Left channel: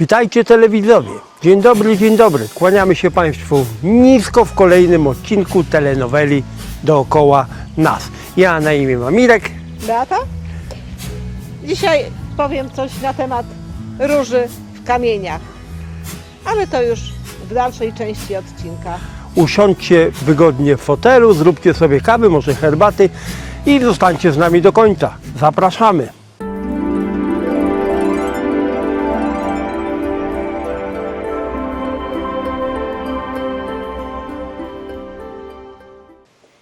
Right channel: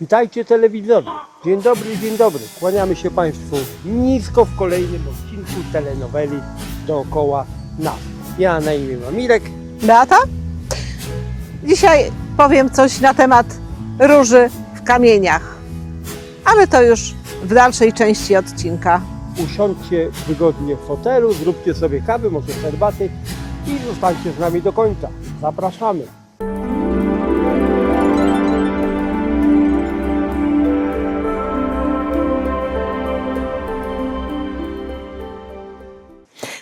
Witajcie telewidzowie. Dzień dobry, dzień dobry. Kłaniamy się Państwu nisko w kolejnym odcinku telenoweli Dookoła nas. Ja na imię mam Mirek. Beata? Dzisiaj powiem coś na temat róży w kamieniach, ale to już w dalszej części odcinka. Usiądźcie wygodnie w fotelu, zróbcie sobie kawy, może herbaty i zostańcie z nami do końca. Zapraszamy.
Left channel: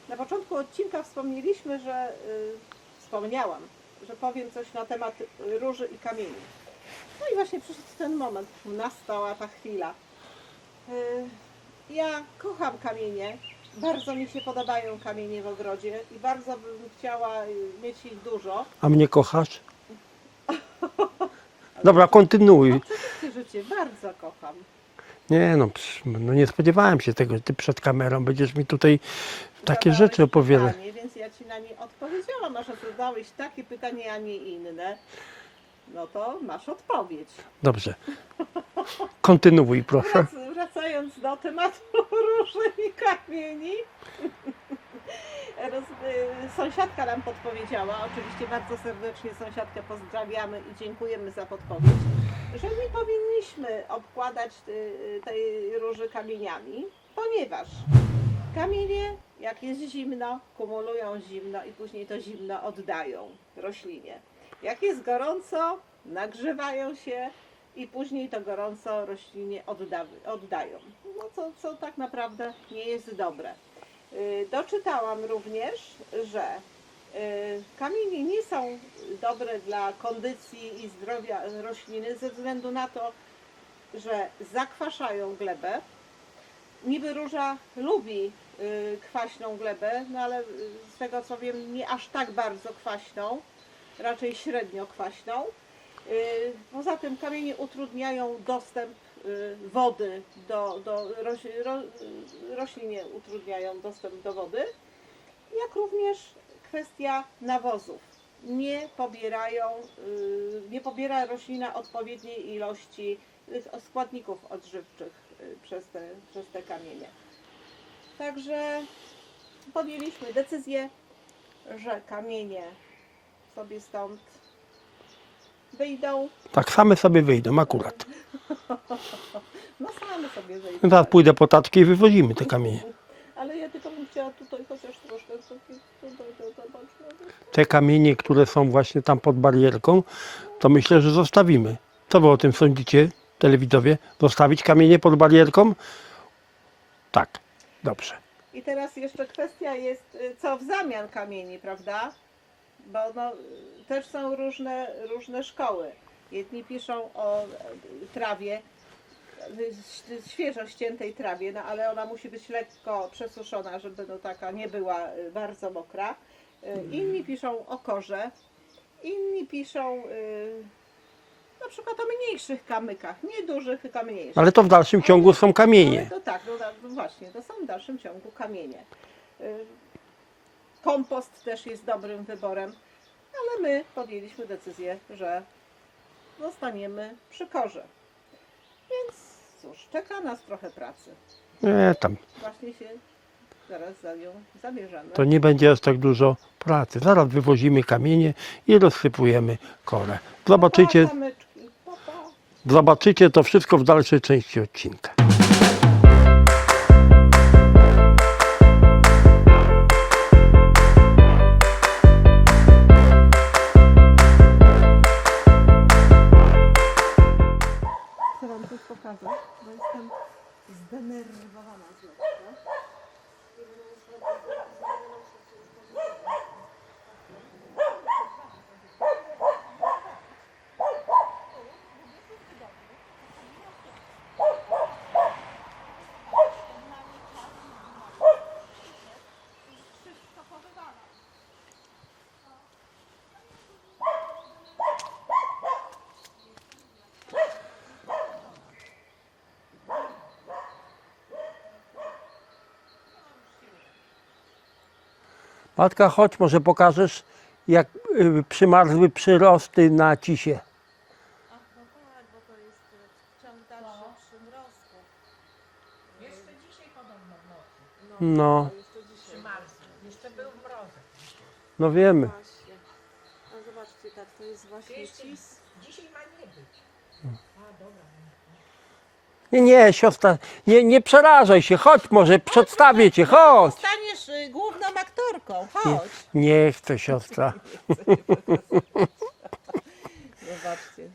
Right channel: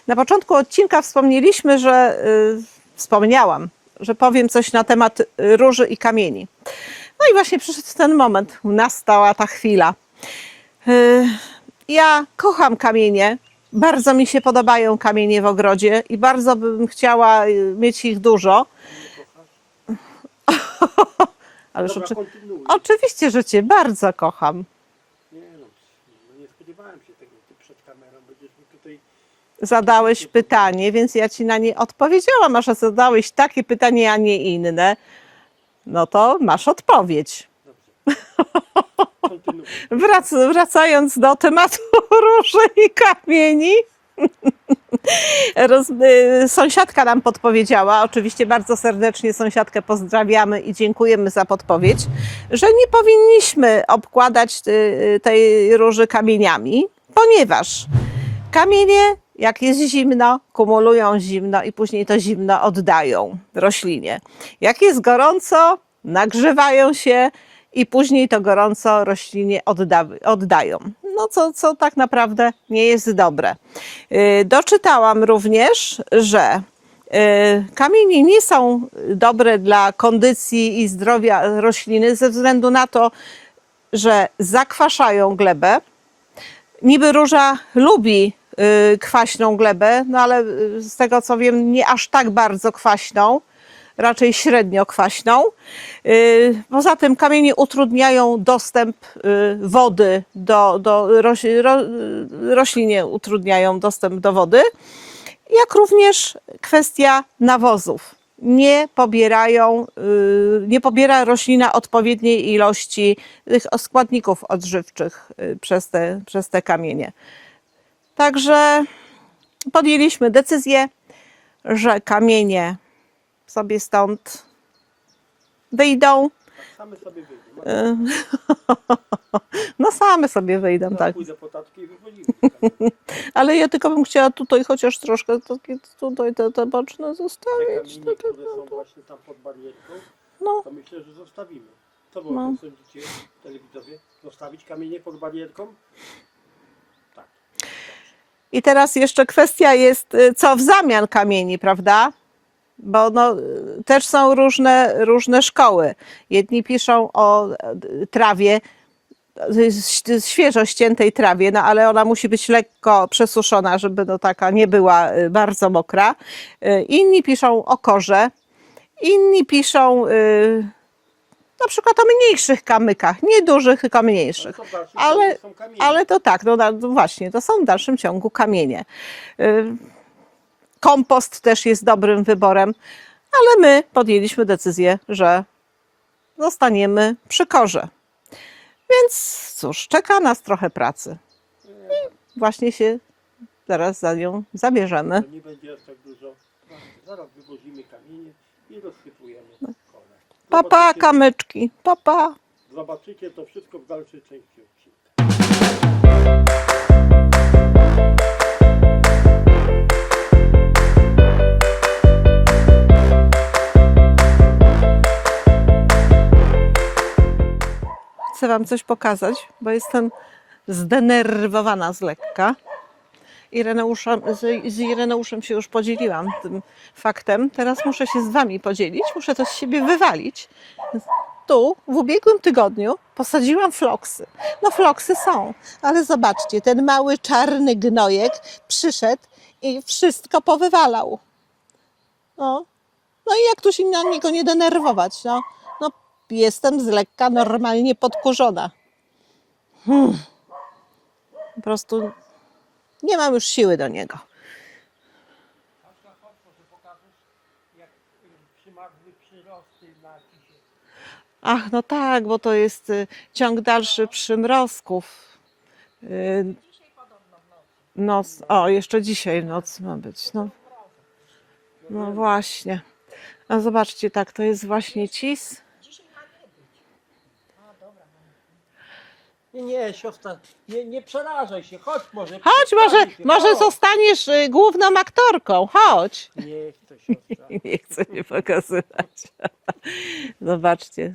Na początku odcinka wspomniałam, że powiem coś na temat róży i kamieni. No i właśnie przyszedł ten moment, nastała ta chwila. Ja kocham kamienie, bardzo mi się podobają kamienie w ogrodzie i bardzo bym chciała mieć ich dużo. A mnie kochasz? Ale Dobra, kontynuuj. Oczywiście, że Cię bardzo kocham. Nie no, nie spodziewałem się tego, że Ty przed kamerą będziesz mi tutaj takie Zadałeś rzeczy opowiadać. pytanie, więc ja Ci na nie odpowiedziałam, a że zadałeś takie pytanie, a nie inne, no to masz odpowiedź. Dobrze. Kontynuuj, proszę. Wracając do tematu róży i kamieni. Sąsiadka nam podpowiedziała, oczywiście bardzo serdecznie sąsiadkę pozdrawiamy i dziękujemy za podpowiedź, że nie powinniśmy obkładać tej róży kamieniami, ponieważ kamienie, jak jest zimno, kumulują zimno i później to zimno oddają roślinie. Jak jest gorąco, nagrzewają się i później to gorąco roślinie oddają. No co tak naprawdę nie jest dobre. Doczytałam również, że kamienie nie są dobre dla kondycji i zdrowia rośliny ze względu na to, że zakwaszają glebę. Niby róża lubi kwaśną glebę, no ale z tego co wiem nie aż tak bardzo kwaśną, raczej średnio kwaśną. Poza tym kamienie utrudniają dostęp wody roślinie utrudniają dostęp do wody, jak również kwestia nawozów. Nie pobiera roślina odpowiedniej ilości tych składników odżywczych przez te kamienie. Także podjęliśmy decyzję, że kamienie sobie stąd wyjdą. Tak, same sobie wyjdą akurat. No same sobie wyjdą, No teraz tak. pójdę po taczkę i wywozimy te kamienie. Ale ja tylko bym chciała tutaj chociaż troszkę tutaj te boczne zostawić. Te kamienie, które są właśnie tam pod barierką, No. to myślę, że zostawimy. Co wy o tym sądzicie, telewidowie? Zostawić kamienie pod barierką? Tak, dobrze. I teraz jeszcze kwestia jest, co w zamian kamieni, prawda? Bo no, też są różne szkoły. Jedni piszą o trawie, świeżo ściętej trawie, no ale ona musi być lekko przesuszona, żeby no taka nie była bardzo mokra. Inni piszą o korze, inni piszą na przykład o mniejszych kamykach, nie dużych, tylko mniejszych. Ale to w dalszym ciągu są kamienie. Ale to tak, no właśnie, to są w dalszym ciągu kamienie. Kompost też jest dobrym wyborem, ale my podjęliśmy decyzję, że zostaniemy przy korze. Więc cóż, czeka nas trochę pracy. Nie, tam. Właśnie się zaraz za nią zabierzemy. To nie będzie aż tak dużo pracy. Zaraz wywozimy kamienie i rozsypujemy korę. Papa, kamyczki, papa. Zobaczycie to wszystko w dalszej części odcinka. Chcę Wam coś pokazać, bo jestem zdenerwowana z lekka. Z Ireneuszem się już podzieliłam tym faktem. Teraz muszę się z Wami podzielić, muszę to z siebie wywalić. Tu w ubiegłym tygodniu posadziłam floksy. No floksy są, ale zobaczcie, ten mały czarny gnojek przyszedł i wszystko powywalał. No i jak tu się na niego nie denerwować? No jestem z lekka normalnie podkurzona. Po prostu nie mam już siły do niego. Matka, chodź, może pokażesz, jak przymarzły przyrosty na cisie. Ach, no tak, bo to jest ciąg dalszy przymrozków. Noc, No. o, jeszcze dzisiaj noc ma być. No, No no wiemy. właśnie. No zobaczcie, tak, to jest właśnie cis. Nie, siostra, nie przerażaj się, chodź może Chodź, przedstawię cię, może chodź. zostaniesz główną aktorką, chodź. Nie chcę, siostra. Nie chcę się pokazywać. Zobaczcie,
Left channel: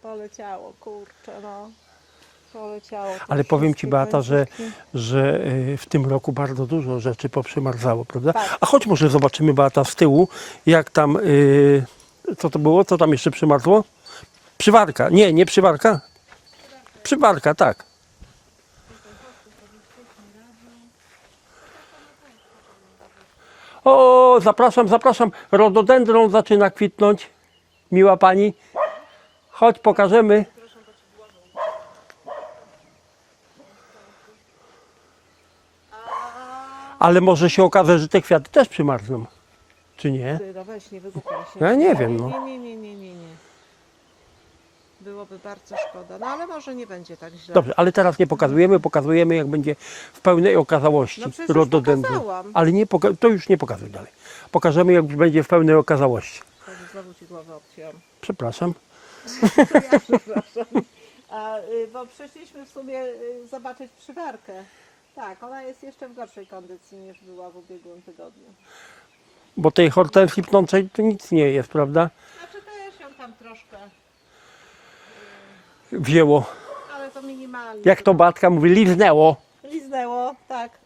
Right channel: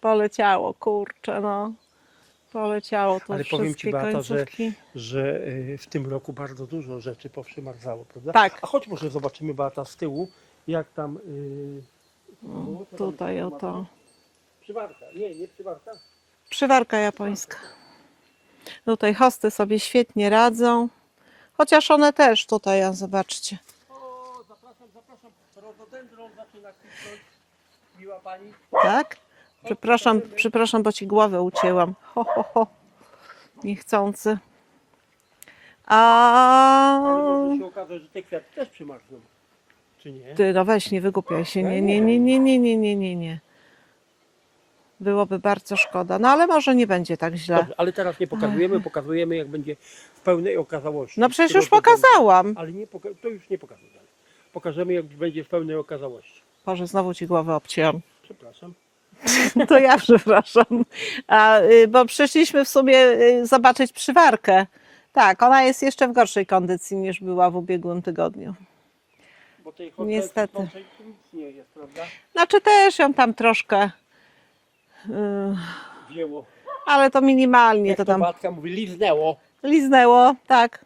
poleciało, kurczę, no. Poleciało to Ale powiem ci, wszystkie Beata, końcówki. że w tym roku bardzo dużo rzeczy poprzymarzało, prawda? Tak. A chodź może zobaczymy, Beata, z tyłu, jak tam, co to było, co tam jeszcze Tutaj przymarzło? Przywarka, nie przywarka? Przywarka japońska. Przywarka, tak. Tutaj hosty sobie świetnie radzą. Chociaż one też tutaj, a zobaczcie. O, zapraszam, rododendron zaczyna kwitnąć, miła pani. Tak? Chodź, pokażemy. Przepraszam, bo ci głowę ucięłam. Ho, ho, ho. Niechcący. Ale może się okaże, że te kwiaty też przymarzną, czy nie? Ty, no weź, nie wygłupiaj się. Ja Nie, nie nie, wiem, nie, no. nie, nie, nie, nie, nie. Byłoby bardzo szkoda. No ale może nie będzie tak źle. Dobrze, ale teraz nie pokazujemy jak będzie w pełnej okazałości. No przecież już rododendron. pokazałam. Ale nie to już nie pokazuj dalej. Pokażemy jak będzie w pełnej okazałości. Boże, znowu ci głowę obcięłam. Przepraszam. To ja przepraszam. Bo przyszliśmy w sumie zobaczyć przywarkę. Tak, ona jest jeszcze w gorszej kondycji niż była w ubiegłym tygodniu. Bo tej hortensji Niestety. kwitnącej to nic nie jest, prawda? Znaczy też ją tam troszkę, Wzięło. ale to minimalnie. Jak to tam Batka mówi, liznęło. liznęło, tak.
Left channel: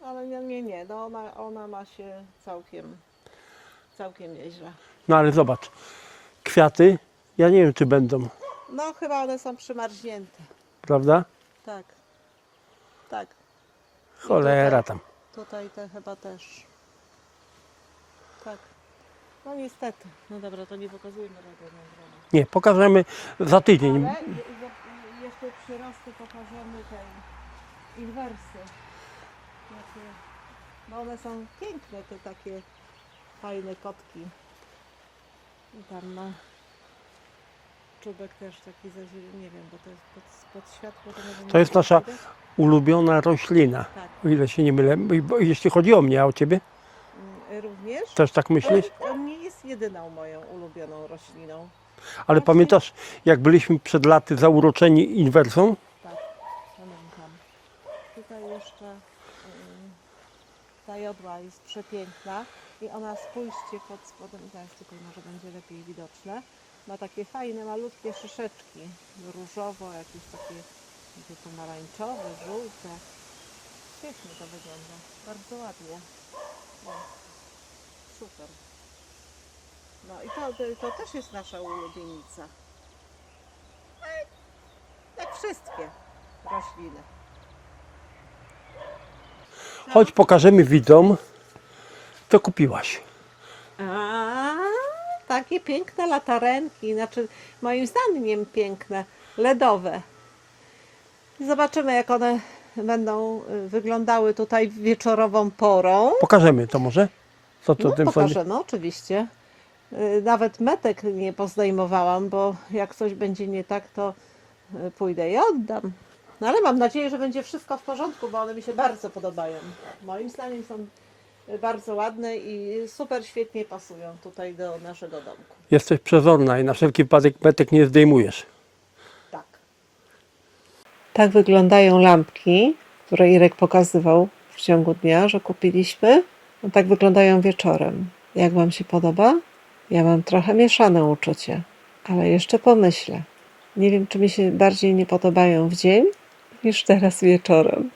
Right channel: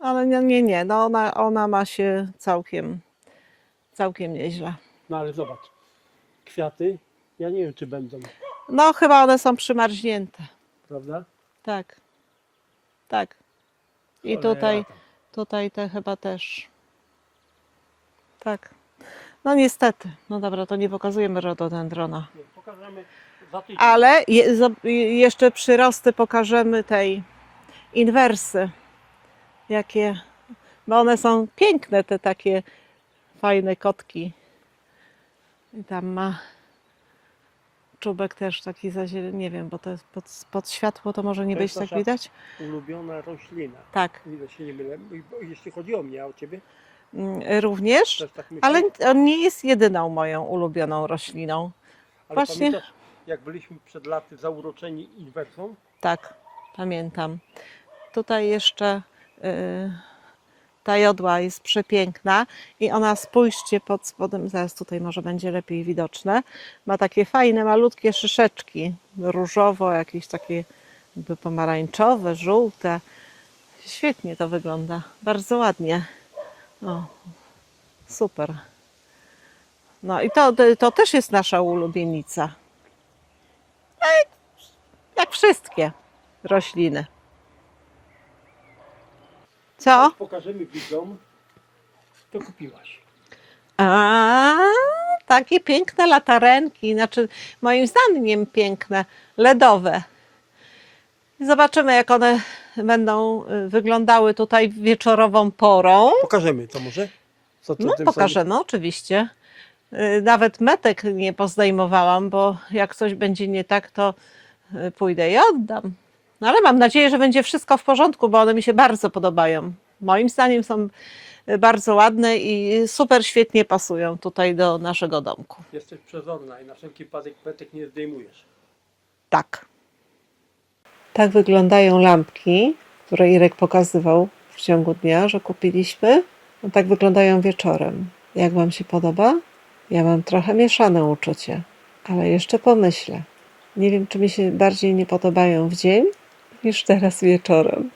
Ale nie. No ona ma się całkiem nieźle. No ale zobacz, kwiaty, ja nie wiem czy będą, No chyba one są przymarznięte. prawda? Tak. Tak. I Cholera tam. tutaj te chyba też. Tak. No niestety. No dobra, to nie pokazujemy rododendrona. Nie, pokażemy za tydzień. Ale jeszcze przyrosty pokażemy tej inwersy. Jakie, bo one są piękne, te takie fajne kotki. I tam ma czubek też taki zazielony, nie wiem, bo to jest pod światło, to może nie To być jest tak nasza widać. ulubiona roślina. Tak, O ile się nie mylę. Bo jeśli chodzi o mnie, a o ciebie, również. też tak myślisz? Ale on nie jest jedyną moją ulubioną rośliną. Ale właśnie- pamiętasz, jak byliśmy przed laty zauroczeni inwersą? Tak, pamiętam. Tutaj jeszcze ta jodła jest przepiękna i ona, spójrzcie pod spodem, zaraz tutaj może będzie lepiej widoczne, ma takie fajne, malutkie szyszeczki, różowo, jakieś takie niby pomarańczowe, żółte. Świetnie to wygląda, bardzo ładnie. No, super. No i to też jest nasza ulubienica. Jak wszystkie rośliny. Co? Chodź pokażemy widzom, co kupiłaś. A, takie piękne latarenki, znaczy moim zdaniem piękne, LEDowe. Zobaczymy, jak one będą wyglądały tutaj wieczorową porą. Pokażemy to może? Co to No, tym pokażemy, oczywiście. Nawet metek nie pozdejmowałam, bo jak coś będzie nie tak, to pójdę i oddam. No ale mam nadzieję, że będzie wszystko w porządku, bo one mi się bardzo podobają. Moim zdaniem są bardzo ładne i super świetnie pasują tutaj do naszego domku. Jesteś przezorna i na wszelki wypadek metek nie zdejmujesz. Tak. Tak wyglądają lampki, które Irek pokazywał w ciągu dnia, że kupiliśmy. No tak wyglądają wieczorem. Jak Wam się podoba? Ja mam trochę mieszane uczucie, ale jeszcze pomyślę. Nie wiem, czy mi się bardziej nie podobają w dzień niż teraz wieczorem.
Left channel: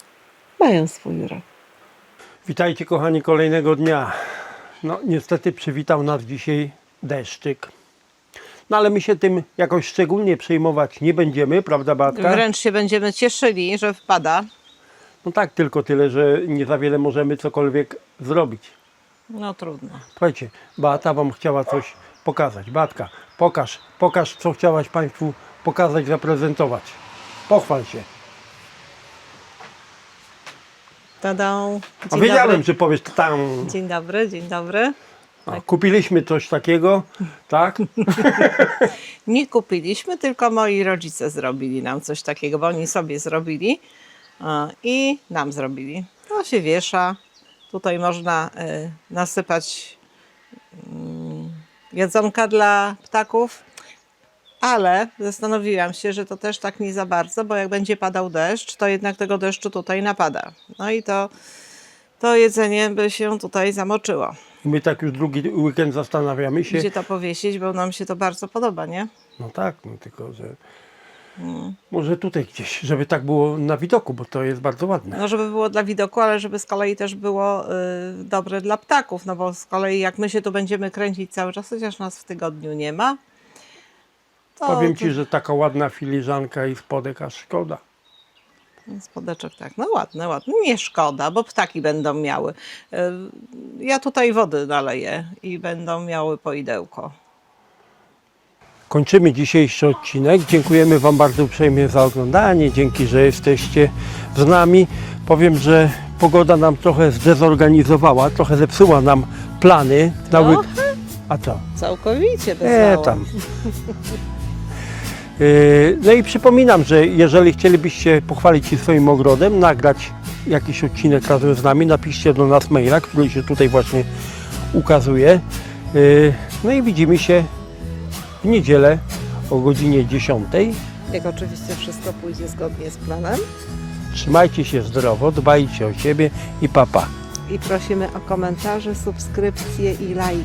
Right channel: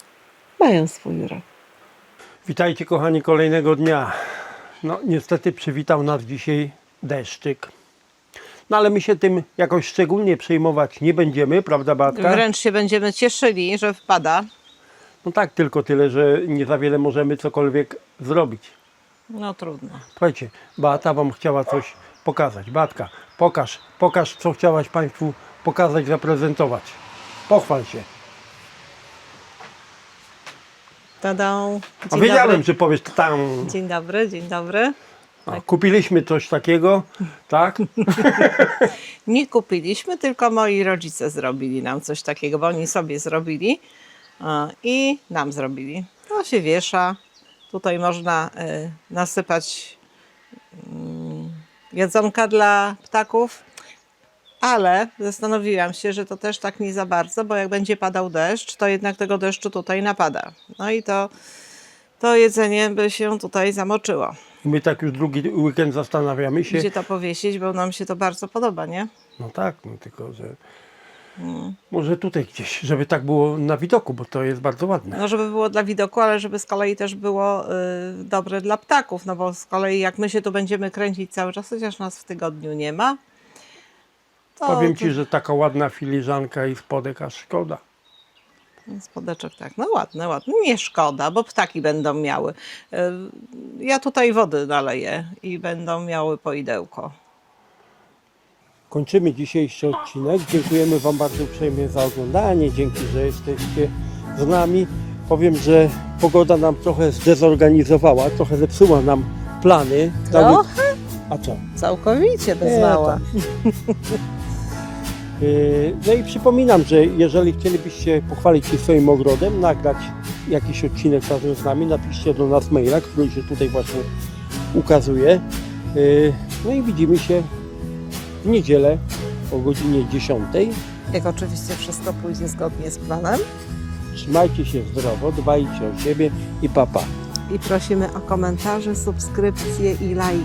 Mają swój urok. Witajcie kochani kolejnego dnia. No niestety przywitał nas dzisiaj deszczyk. No ale my się tym jakoś szczególnie przejmować nie będziemy, prawda Beatka? Wręcz się będziemy cieszyli, że wpada. No tak, tylko tyle, że nie za wiele możemy cokolwiek zrobić. No trudno. Słuchajcie, Beata wam chciała coś pokazać. Beatka, pokaż co chciałaś Państwu pokazać, zaprezentować. Pochwal się. Tadą. A wiedziałem, że powiesz to tam. Dzień dobry, dzień dobry. A, kupiliśmy coś takiego, tak? Nie kupiliśmy, tylko moi rodzice zrobili nam coś takiego, bo oni sobie zrobili i nam zrobili. To się wiesza. Tutaj można nasypać jedzonka dla ptaków, ale zastanowiłam się, że to też tak nie za bardzo, bo jak będzie padał deszcz, to jednak tego deszczu tutaj napada. No i to jedzenie by się tutaj zamoczyło. My tak już drugi weekend zastanawiamy się. Gdzie to powiesić, bo nam się to bardzo podoba, nie? No tak, no tylko że może tutaj gdzieś, żeby tak było na widoku, bo to jest bardzo ładne. No, żeby było dla widoku, ale żeby z kolei też było dobre dla ptaków, no bo z kolei jak my się tu będziemy kręcić cały czas, chociaż nas w tygodniu nie ma, to Powiem Ci, że taka ładna filiżanka i spodek, aż szkoda. spodeczek tak, no ładne, ładne. Nie szkoda, bo ptaki będą miały. Ja tutaj wody naleję i będą miały poidełko. Kończymy dzisiejszy odcinek. Dziękujemy Wam bardzo uprzejmie za oglądanie. Dzięki, że jesteście z nami. Powiem, że pogoda nam trochę zdezorganizowała, trochę zepsuła nam plany. A co? Całkowicie bez Nie, tam. No i przypominam, że jeżeli chcielibyście pochwalić się swoim ogrodem, nagrać jakiś odcinek razem z nami, napiszcie do nas maila, który się tutaj właśnie ukazuje. No i widzimy się w niedzielę o godzinie 10. Jak oczywiście wszystko pójdzie zgodnie z planem. Trzymajcie się zdrowo, dbajcie o siebie i pa pa. I prosimy o komentarze, subskrypcje i lajki.